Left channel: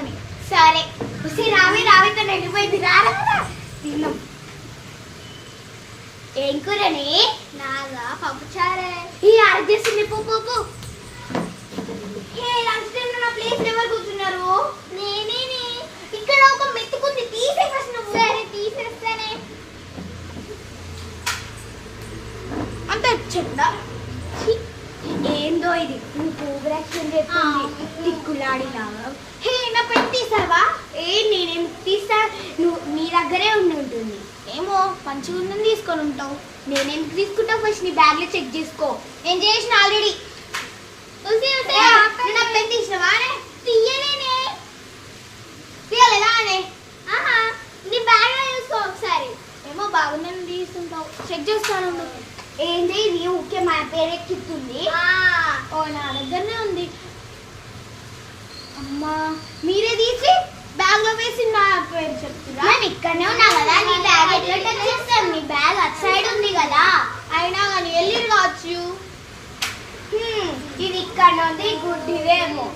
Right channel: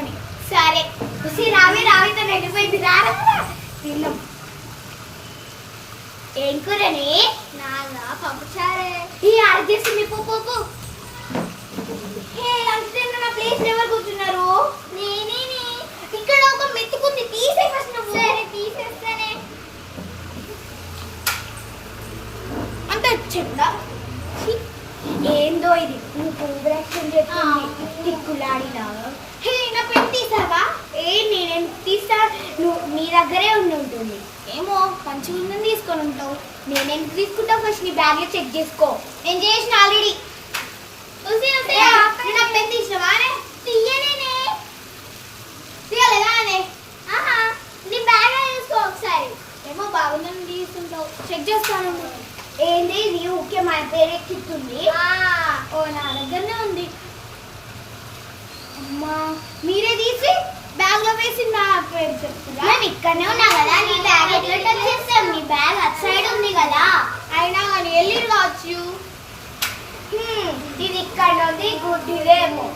అని. సరే రావి రావి తను వెళ్ళిపోయింది. రారా తిన్నాం. ఏం కూరని? నాగా పప్పుచారే. ఈ అర్జెస్ట్ పోపు లంచ్ టైం నా ప్లేస్ ఎవరు కూర్చున్నారు? నేనే. ఇక్కడ ఒక మెతుకుంది, తీసే ఫస్ట్ నువ్వు. సరే తీసేస్తానే. అంత వచ్చిందా? ఏందో ఇది నీకు ఓవరాక్షన్ చెప్పింది. తిక్కులాడినాగా. నా పెట్టి తీసావా? నేను తీసా. నువ్వు నీ దగ్గరే ఉంటుంది. ఏమో మంచిగా ఉందని తీసుకొని ఉంటావు. నేనెందుకు తీసుకుంటావు? ఫస్ట్ నీ బ్యాగ్లో చెక్ చేసుకో. నేను చేసిన ఆల్రెడీ. నా పెట్టి తీసినవా? తీయనే తీయలేదా అనే? నీ బ్యాగ్లో చూసుకో ఒకసారి. ఏమో బాగుందని తీసుకుంటావు. చెక్ చేసుకోను. ఏంటి ఇది? ఊకే మా పేరెక్కిస్తుంది. ఓ నా దగ్గరనే ఉంది. అమ్మా మీరే తీసి బ్యాగ్ లో వేసి మా పేరు చెప్తున్నా. నేను ఇక్కడనే ఉన్నా కదా. నీ బ్యాగ్ ఎట్లా టచ్ చేస్తాను? నీ బ్యాగ్ అటు సైడ్ ఉంది కదా. అయినా కానీ వెళ్ళి రావచ్చు. ఇది ఇక్కడ ఉంది. గుడ్డిదేమో.